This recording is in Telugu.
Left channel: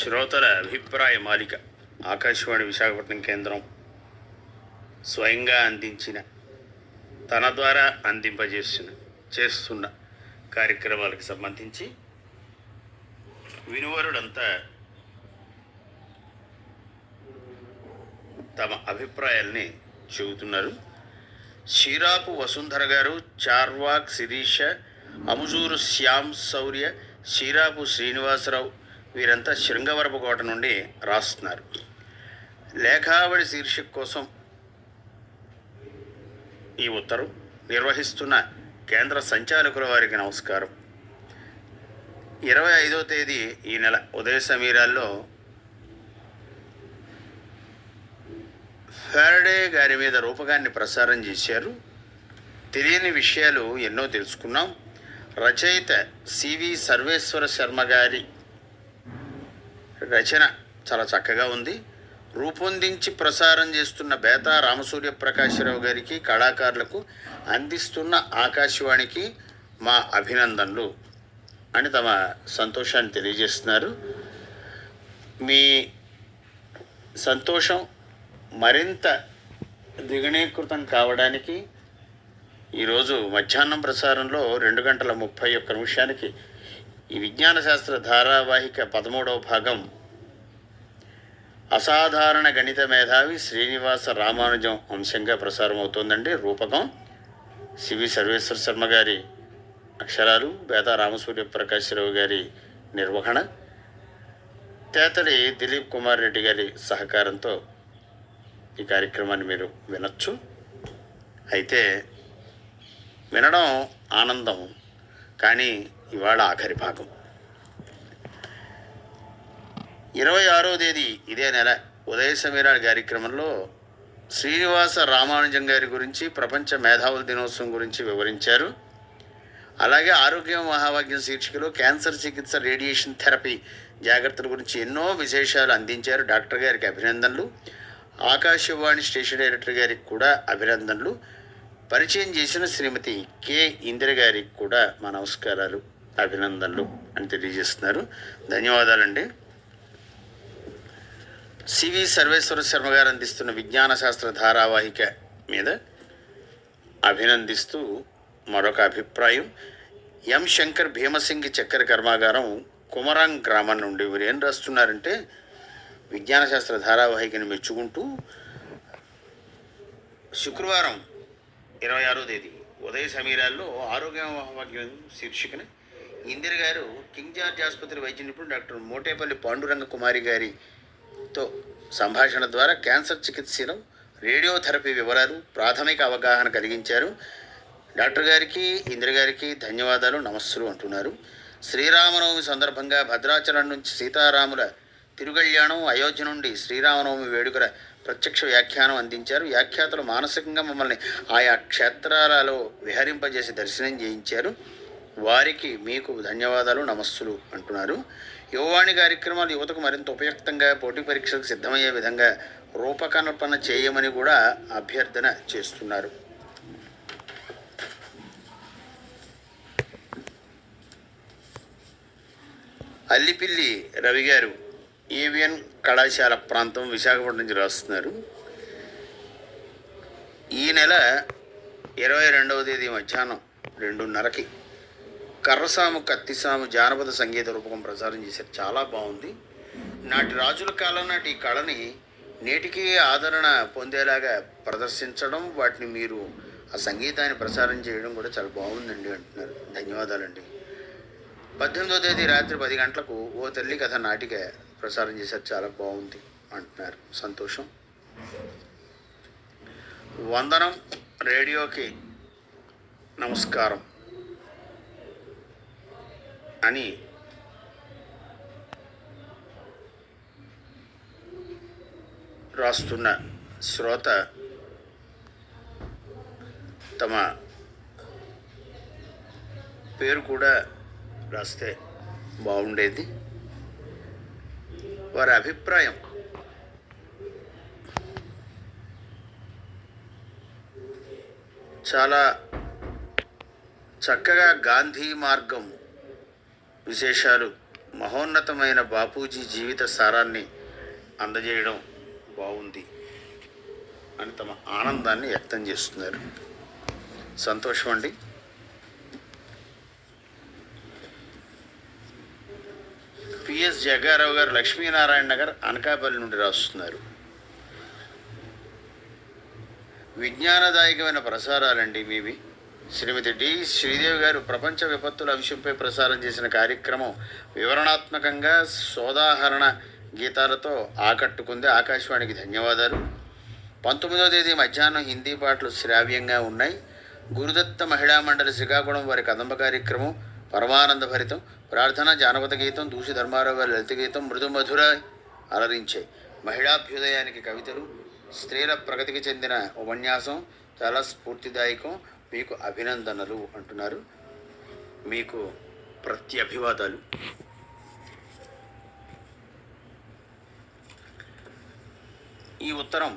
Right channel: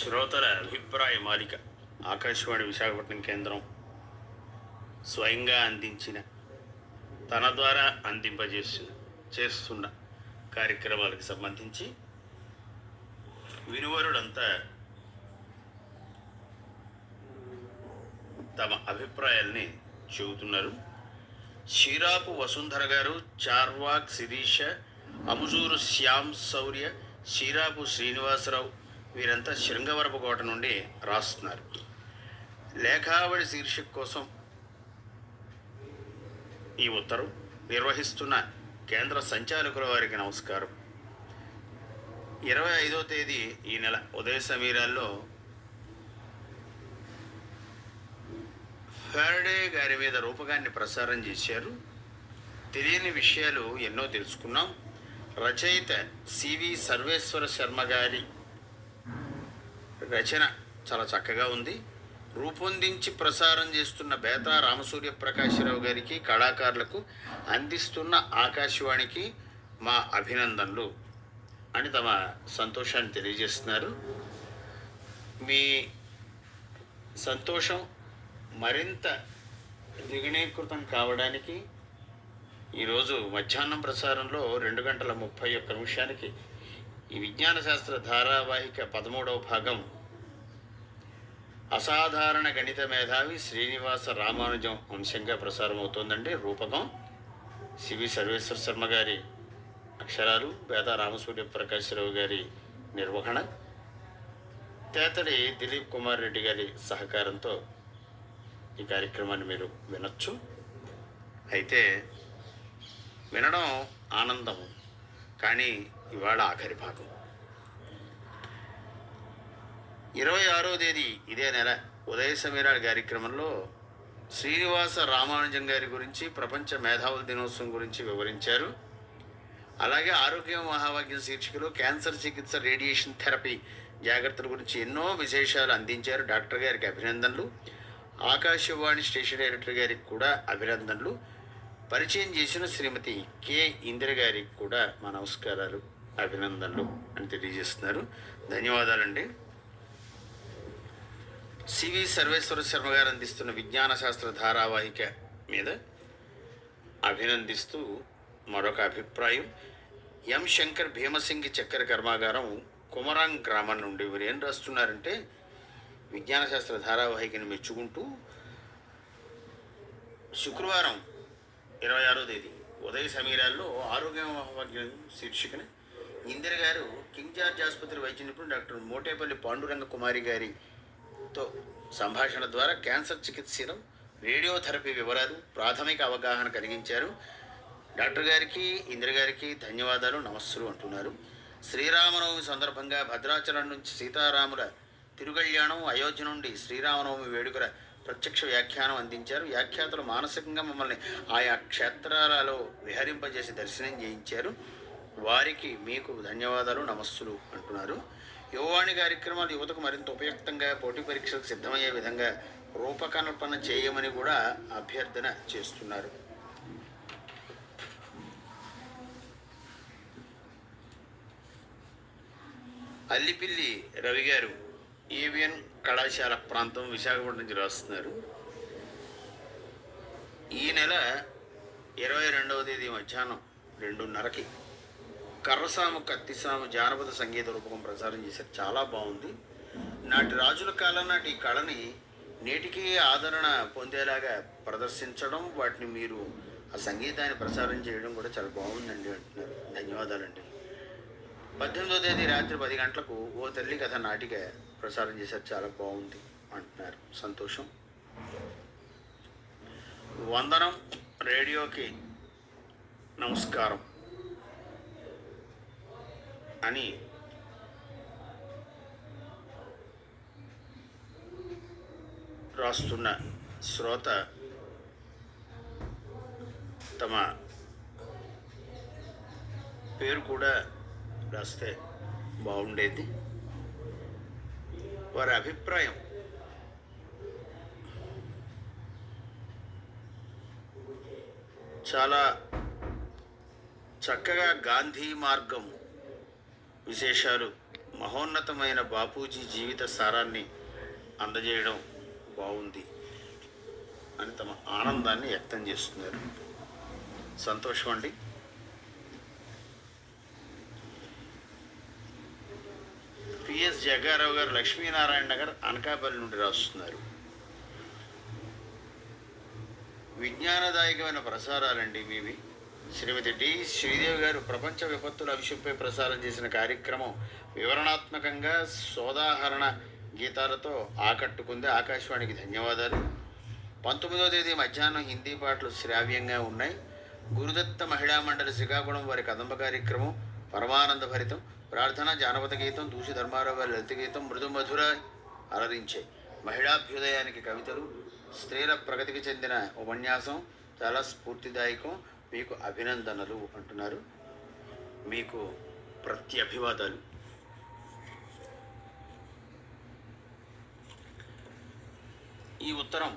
శ్రోతల అభిప్రాయ మాలిక ఆకాశవాణి విశాఖపట్నం కేంద్రం స్వయంగా అందించిన తన ద్వారా చేస్తున్న కార్యక్రమాలకు సంబంధించి వినువరులంతా తమ అభిప్రాయాల్ని చెబుతున్నారు. షీరాపు వసుంధర గారు, చార్వాక్ శిరీష, అముజూరు శ్యామ్ శౌర్య, షీరాపు శ్రీనివాసరావు వీరంతా శృంగవరపుకోట నుండి రాస్తున్నారు. లేఖావళి శీర్షిక కోసం ఈ ఉత్తరం నిర్వహిస్తున్న కేంద్ర సంచాలకుల వారికి నమస్కారం. 25వ తేదీ ఈ నెల ఉదయ సమీరాల్లో ఫారడే గారి మీద రూపకాన్ని ప్రసారం చేశారు. తెలియని విషయాలు ఎన్నో తెలుసుకున్నాం. రచయిత సివి సర్వేశ్వర శర్మ గారి రచన చాలా చక్కగా ఉంది. రూపొందించి ప్రసారం చేస్తున్న బేతా రామసూర్య ప్రకాశరావు గారికి, కళాకారులకు అందిస్తున్న ఆకాశవాణికి మా అభినందనలు అని తమ సంతోషాన్ని తెలియజేస్తున్నారు. మీ సంతోషం మరింత ద్విగుణీకృతం కావడానికి ఈరోజు మధ్యాహ్నం ప్రసారంలో 2:31 ఈ విజ్ఞాన శాస్త్ర ధారావాహిక 13వ భాగం అసాధారణ గణిత మేధావి శ్రీనివాస రామానుజం అంశంగా ప్రసారం అవుతోందండి. రూపకం సివి సర్వేశ్వర శర్మ గారి అక్షరాలు, బేతా రామసూర్య ప్రకాశరావు గారి నిర్వహణ, తేతలి దిలీప్ కుమార్ రెడ్డి గారి సహకారంతో ఈ కార్యక్రమాన్ని మీరు వినొచ్చు. అయితే వినడం ఆనందం, కానీ ఇవాళ ఆఖరి భాగం 26వ తేదీ ఇదే నెల ఉదయ సమీరాల కార్యక్రమంలో శ్రీనివాస రామానుజం గారి గురించి, ప్రపంచ మేధావుల దినోత్సవం గురించి వివరించారు. అలాగే ఆరోగ్యం మహాభాగ్యం శీర్షికలో క్యాన్సర్ చికిత్స, రేడియేషన్ థెరపీ జాగ్రత్తల గురించి ఎన్నో విశేషాలు అందించారు. డాక్టర్ గారికి అభినందనలు. ఆకాశవాణి స్టేషన్ డైరెక్టర్ గారికి కూడా అభినందనలు. పరిచయం చేసిన శ్రీమతి కె ఇందిర గారికి కూడా మా నమస్కారాలు, అభినందనలు అని తెలియజేస్తున్నారు. ధన్యవాదాలండి. సివి సర్వేశ్వర శర్మ గారు అందిస్తున్న విజ్ఞాన శాస్త్ర ధారావాహిక మీద అభినందిస్తూ మరొక అభిప్రాయం. ఎం శంకర్ భీమసింగి చక్కెర కర్మాగారం, కుమరాంగ్ గ్రామం నుండి వీరు ఏం రాస్తున్నారంటే, విజ్ఞాన శాస్త్ర ధారావాహికని మెచ్చుకుంటూ శుక్రవారం 26వ తేదీ ఉదయ సమీరాల్లో ఆరోగ్య మహాభాగ్యం శీర్షికన ఇందిర గారు కింగ్ జార్జ్ ఆసుపత్రి వైద్య నిపుణుడు డాక్టర్ మోటేపల్లి పాండురంగ కుమారి గారితో సంభాషణ ద్వారా క్యాన్సర్ చికిత్సలో రేడియోథెరపీ వివరాలు, ప్రాథమిక అవగాహన కలిగించారు. డాక్టర్ గారికి, ఇందిర గారికి ధన్యవాదాలు, నమస్సులు అంటున్నారు. శ్రీరామనవమి సందర్భంగా భద్రాచలం నుంచి సీతారాముల తిరుగళ్యాణం, అయోధ్య నుండి శ్రీరామనవమి వేడుకల ప్రత్యక్ష వ్యాఖ్యానం అందించారు. వ్యాఖ్యాతలు మానసికంగా మమ్మల్ని ఆయా క్షేత్రాలలో విహరింపజేసి దర్శనం చేయించారు. వారికి మీకు ధన్యవాదాలు, నమస్సులు అంటున్నారు. యువవాణి కార్యక్రమాలు యువతకు మరింత ఉపయుక్తంగా, పోటీ పరీక్షలకు సిద్ధమయ్యే విధంగా రూపకల్పన చేయమని కూడా అభ్యర్థన చేస్తున్నారు. అల్లిపిల్లి రవి గారు ఏవిఎన్ కళాశాల ప్రాంతం, విశాఖపట్నం నుంచి రాస్తున్నారు. ఈ నెల 22వ తేదీ మధ్యాహ్నం 2:30 కర్రసాము కత్తిసాము జానపద సంగీత రూపకం ప్రసారం చేశారు. చాలా బాగుంది. నాటి రాజుల కాలం నాటి ఈ కళని నేటికి ఆదరణ పొందేలాగా ప్రదర్శించడం, వాటిని మీరు ఆ సంగీతాన్ని ప్రసారం చేయడం కూడా చాలా బాగుందండి అంటున్నారు. ధన్యవాదాలండి. 18వ తేదీ రాత్రి 10 గంటలకు ఓ తల్లి కథ నాటిక ప్రసారం చేశారు. చాలా బాగుంది అంటున్నారు. సంతోషం. వందనం, రేడియోకి నమస్కారం అని రాస్తున్న శ్రోత తమ పేరు కూడా రాస్తే బాగుండేది. వారి అభిప్రాయం చాలా చక్కగా గాంధీ మార్గం విశేషాలు మహోన్నతమైన బాపూజీ జీవిత సారాన్ని అందజేయడం బాగుంది అని తమ ఆనందాన్ని వ్యక్తం చేస్తున్నారు. సంతోషం అండి. పిఎస్ జగ్గారావు గారు లక్ష్మీనారాయణ నగర్ అనకాపల్లి నుండి రాస్తున్నారు. విజ్ఞానదాయకమైన ప్రసారాలండి మీవి. శ్రీమతి డి శ్రీదేవి గారు ప్రపంచ విపత్తుల అంశంపై ప్రసారం చేసిన కార్యక్రమం వివరణాత్మకంగా సోదాహరణ గీతాలతో ఆకట్టుకుంది. ఆకాశవాణికి ధన్యవాదాలు. 19వ తేదీ మధ్యాహ్నం హిందీ పాటలు శ్రావ్యంగా ఉన్నాయి. గురుదత్త మహిళా మండలి శ్రీకాకుళం వారి కదంబ కార్యక్రమం పరమానంద భరితం. ప్రార్థన, జానపద గీతం, దూషి ధర్మారావు గారి లలిత గీతం మృదు మధుర అలరించాయి. మహిళాభ్యుదయానికి కవితలు, స్త్రీల ప్రగతికి చెందిన ఉపన్యాసం చాలా స్ఫూర్తిదాయకం. మీకు అభినందనలు అంటున్నారు. మీకు ప్రత్యభివాదాలు. ఈ ఉత్తరం